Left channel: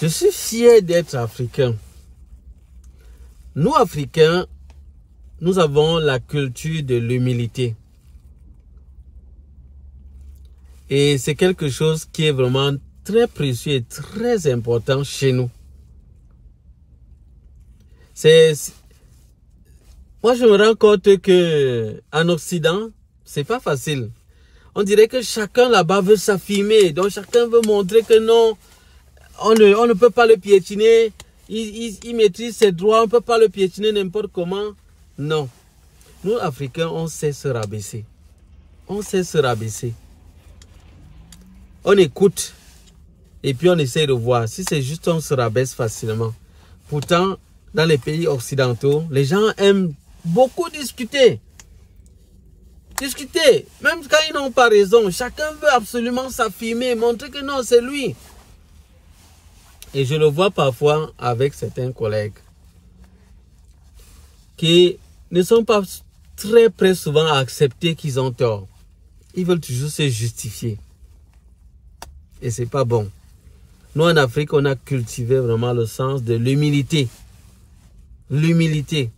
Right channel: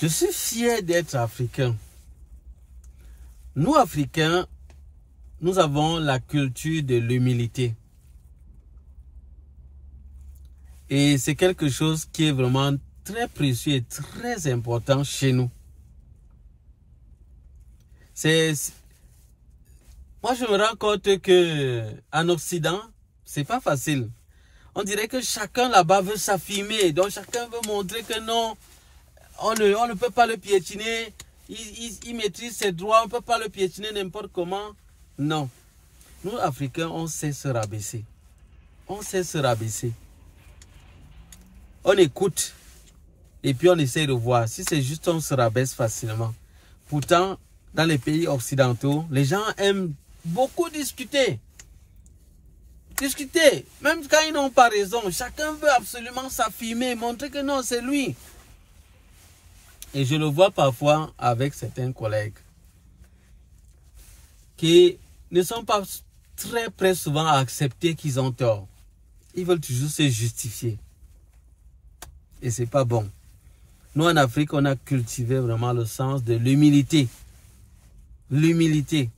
Je suis fier d'être africain. Nous, Africains, nous avons la culture de l'humilité. Et c'est quelque chose qui est vraiment très précieux et très important chez nous. Moi, je me rends compte que en Occident, c'est pas facile. On dirait que chacun là-bas veut s'affirmer. Donc, chacun veut montrer que non, on ne peut pas le piétiner. Il maîtrise ses droits. On ne peut pas le piétiner n'importe comment. Non. Nous, Africains, on sait se rabaisser. On sait se rabaisser. On écoute. Et puis, on essaie de voir. Si c'est juste, on se rabaisse facilement. Pourtant, dans les pays occidentaux, les gens aiment beaucoup discuter. Discuter, même quand ils n'ont pas raison. Chacun veut absolument s'affirmer, montrer que non, c'est lui. Et je le vois parfois avec certains collègues qui ne sont pas très prêts souvent à accepter qu'ils ont tort. Ils veulent toujours se justifier. Et c'est pas bon. Nous, en Afrique, on a cultivé vraiment le sens de l'humilité. L'humilité.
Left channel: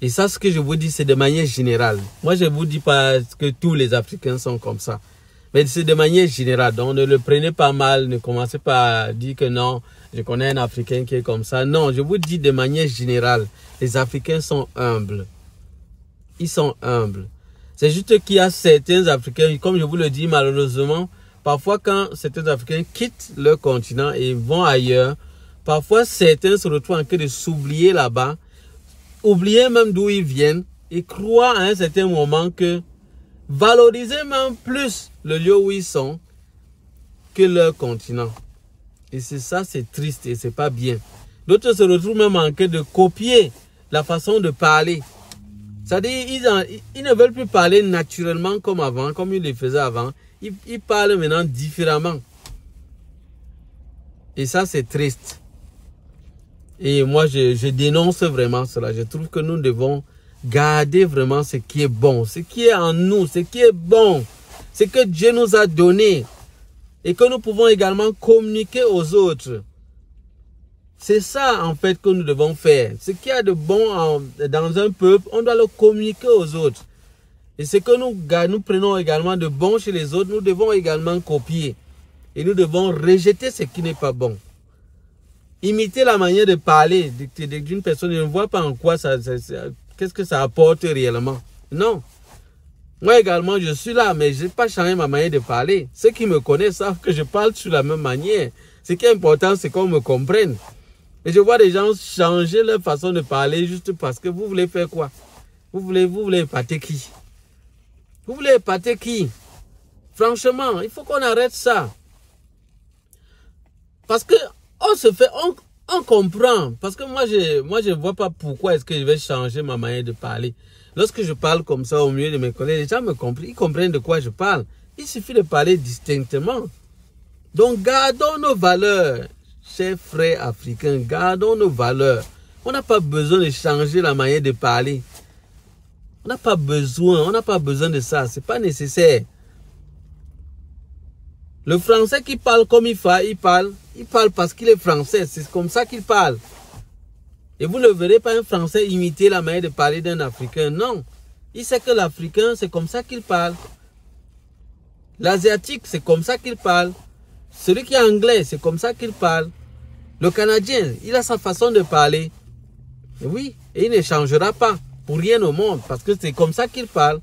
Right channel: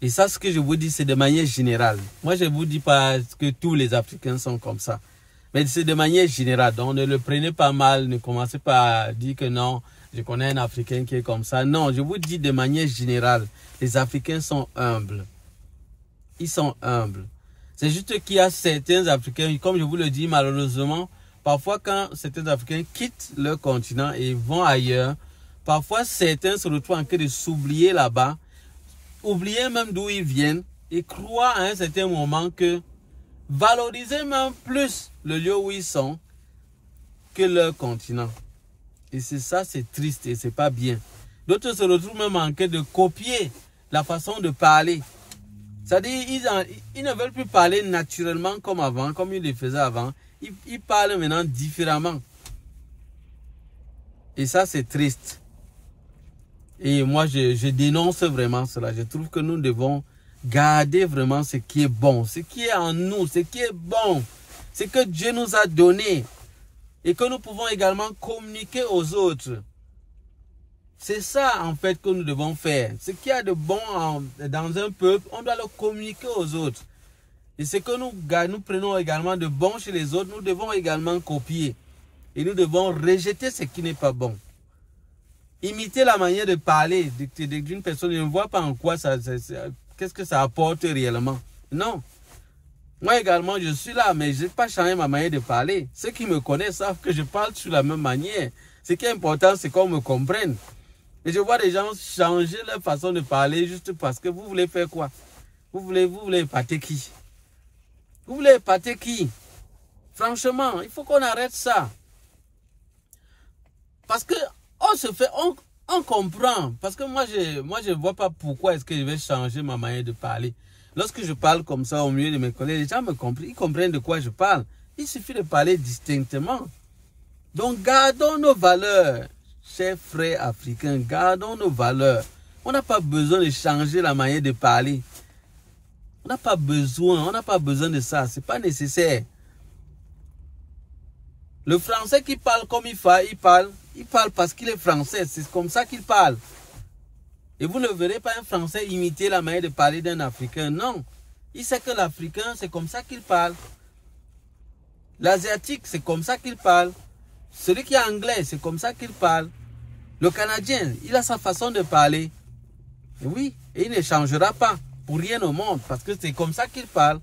Et ça, ce que je vous dis, c'est de manière générale. Moi, je ne vous dis pas que tous les Africains sont comme ça. Mais c'est de manière générale. Donc, ne le prenez pas mal. Ne commencez pas à dire que non, je connais un Africain qui est comme ça. Non, je vous dis de manière générale. Les Africains sont humbles. Ils sont humbles. C'est juste qu'il y a certains Africains, comme je vous le dis malheureusement, parfois quand certains Africains quittent leur continent et vont ailleurs, parfois certains se retrouvent en train de s'oublier là-bas, oublier même d'où ils viennent et croient à un certain moment que valoriser même plus le lieu où ils sont que leur continent. Et c'est ça, c'est triste et c'est pas bien. D'autres se retrouvent même en train de copier la façon de parler. C'est-à-dire, ils ne veulent plus parler naturellement comme avant, comme ils le faisaient avant. Ils parlent maintenant différemment. Et ça, c'est triste. Et moi, je dénonce vraiment cela. Je trouve que nous devons garder vraiment ce qui est bon, ce qui est en nous, ce qui est bon, ce que Dieu nous a donné et que nous pouvons également communiquer aux autres. C'est ça, en fait, que nous devons faire. Ce qu'il y a de bon dans un peuple, on doit le communiquer aux autres. Et ce que nous prenons également de bon chez les autres, nous devons également copier. Et nous devons rejeter ce qui n'est pas bon. Imiter la manière de parler d'une personne, je ne vois pas en quoi qu'est-ce que ça apporte réellement. Non. Moi également, je suis là, mais je n'ai pas changé ma manière de parler. Ceux qui me connaissent savent que je parle sur la même manière. Ce qui est important, c'est qu'on me comprenne. Et je vois des gens changer leur façon de parler juste parce que vous voulez faire quoi? Vous voulez épater qui? Vous voulez épater qui? Franchement, il faut qu'on arrête ça. Parce que on comprend. Parce que moi, je vois pas pourquoi est-ce que je vais changer ma manière de parler. Lorsque je parle comme ça au milieu de mes collègues, les gens me comprennent. Ils comprennent de quoi je parle. Il suffit de parler distinctement. Donc, gardons nos valeurs. Chers frères africains, gardons nos valeurs. On n'a pas besoin de changer la manière de parler. On n'a pas besoin de ça. C'est pas nécessaire. Le français qui parle comme il parle parce qu'il est français. C'est comme ça qu'il parle. Et vous ne verrez pas un français imiter la manière de parler d'un africain. Non. Il sait que l'africain, c'est comme ça qu'il parle. L'asiatique, c'est comme ça qu'il parle. Celui qui est anglais, c'est comme ça qu'il parle. Le Canadien, il a sa façon de parler. Et oui, et il ne changera pas pour rien au monde parce que c'est comme ça qu'il parle.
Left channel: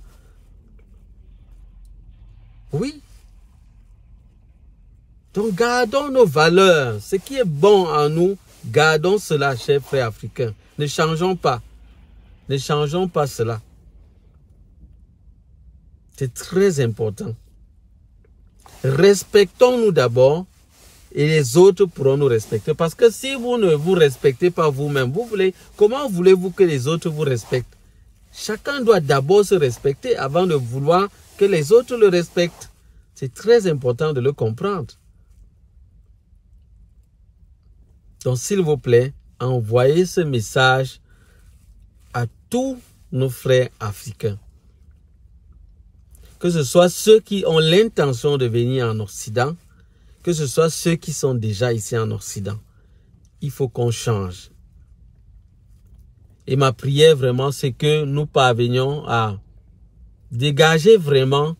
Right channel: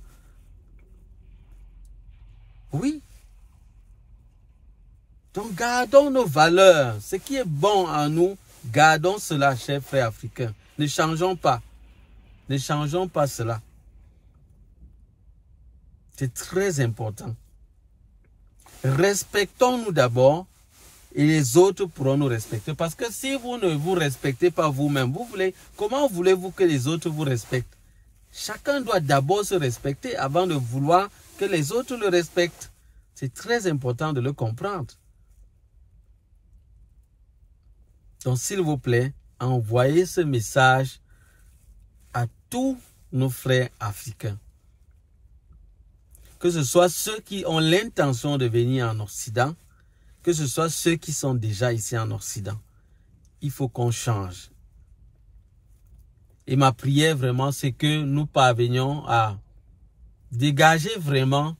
Oui. Donc gardons nos valeurs. Ce qui est bon en nous, gardons cela, chers frères africains. Ne changeons pas. Ne changeons pas cela. C'est très important. Respectons-nous d'abord et les autres pourront nous respecter. Parce que si vous ne vous respectez pas vous-même, comment voulez-vous que les autres vous respectent? Chacun doit d'abord se respecter avant de vouloir que les autres le respectent. C'est très important de le comprendre. Donc, s'il vous plaît, envoyez ce message à tous nos frères africains. Que ce soit ceux qui ont l'intention de venir en Occident que ce soit ceux qui sont déjà ici en Occident. Il faut qu'on change. Et ma prière vraiment, c'est que nous parvenions à dégager vraiment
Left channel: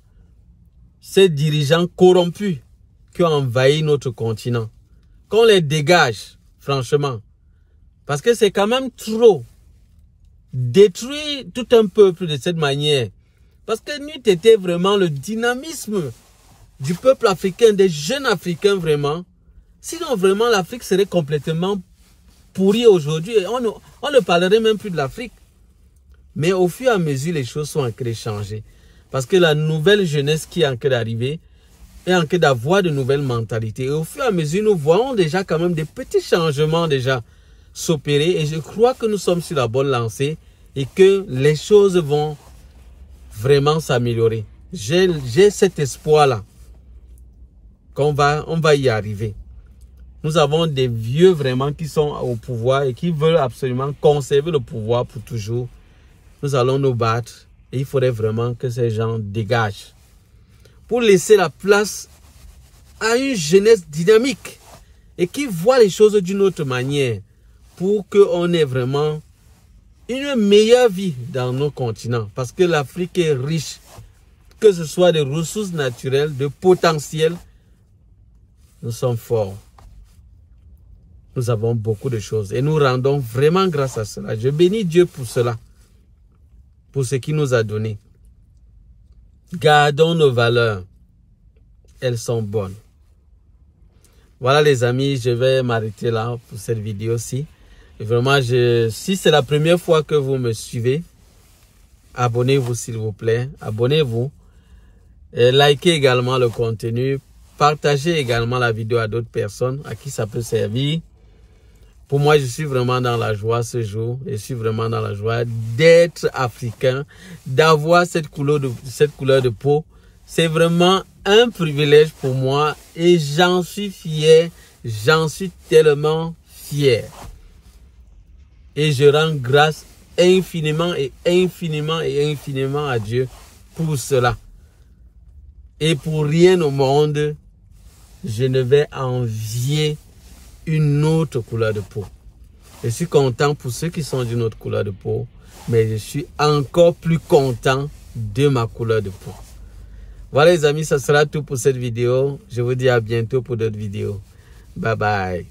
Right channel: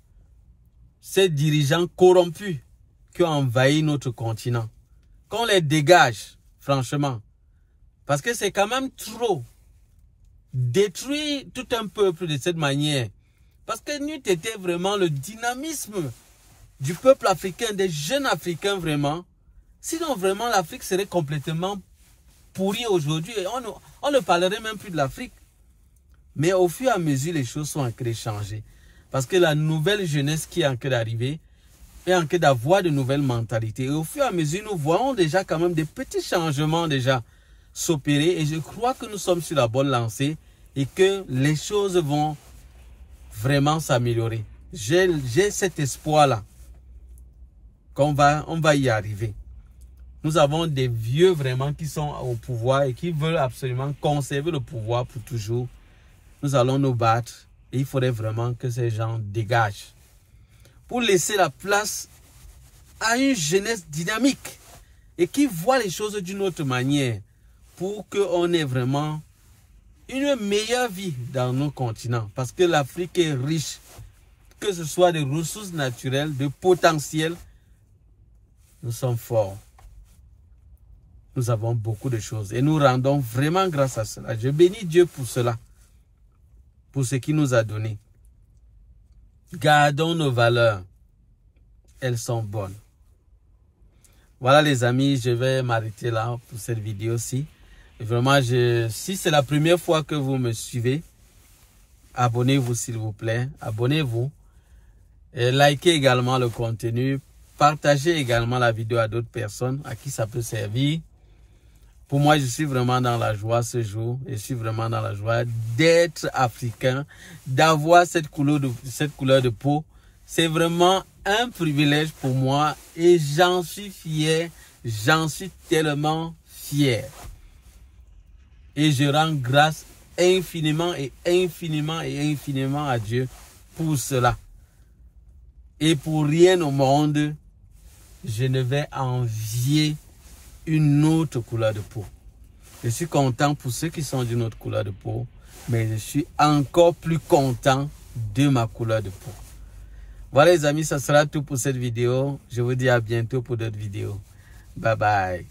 ces dirigeants corrompus qui ont envahi notre continent. Qu'on les dégage, franchement. Parce que c'est quand même trop. Détruire tout un peuple de cette manière. Parce que n'eût été vraiment le dynamisme du peuple africain, des jeunes Africains vraiment. Sinon vraiment l'Afrique serait complètement pourrie aujourd'hui. On ne parlerait même plus de l'Afrique. Mais au fur et à mesure, les choses sont en train de changer. Parce que la nouvelle jeunesse qui est en train d'arriver est en train d'avoir de nouvelles mentalités. Et au fur et à mesure, nous voyons déjà quand même des petits changements déjà s'opérer. Et je crois que nous sommes sur la bonne lancée et que les choses vont vraiment s'améliorer. J'ai cet espoir-là qu'on va y arriver. Nous avons des vieux vraiment qui sont au pouvoir et qui veulent absolument conserver le pouvoir pour toujours. Nous allons nous battre et il faudrait vraiment que ces gens dégagent pour laisser la place à une jeunesse dynamique et qui voit les choses d'une autre manière pour qu'on ait vraiment une meilleure vie dans nos continents. Parce que l'Afrique est riche, que ce soit de ressources naturelles, de potentiel. Nous sommes forts. Nous avons beaucoup de choses et nous rendons vraiment grâce à cela. Je bénis Dieu pour cela, pour ce qu'il nous a donné. Gardons nos valeurs. Elles sont bonnes. Voilà les amis, je vais m'arrêter là pour cette vidéo-ci. Vraiment, si c'est la première fois que vous me suivez, abonnez-vous s'il vous plaît. Abonnez-vous. Likez également le contenu. Partagez également la vidéo à d'autres personnes à qui ça peut servir. Pour moi, je suis vraiment dans la joie ce jour. Je suis vraiment dans la joie d'être africain, d'avoir cette couleur de peau. C'est vraiment un privilège pour moi et j'en suis fier. J'en suis tellement fier. Et je rends grâce infiniment et infiniment et infiniment à Dieu pour cela. Et pour rien au monde, je ne vais envier une autre couleur de peau. Je suis content pour ceux qui sont d'une autre couleur de peau, mais je suis encore plus content de ma couleur de peau. Voilà les amis, ça sera tout pour cette vidéo. Je vous dis à bientôt pour d'autres vidéos. Bye bye.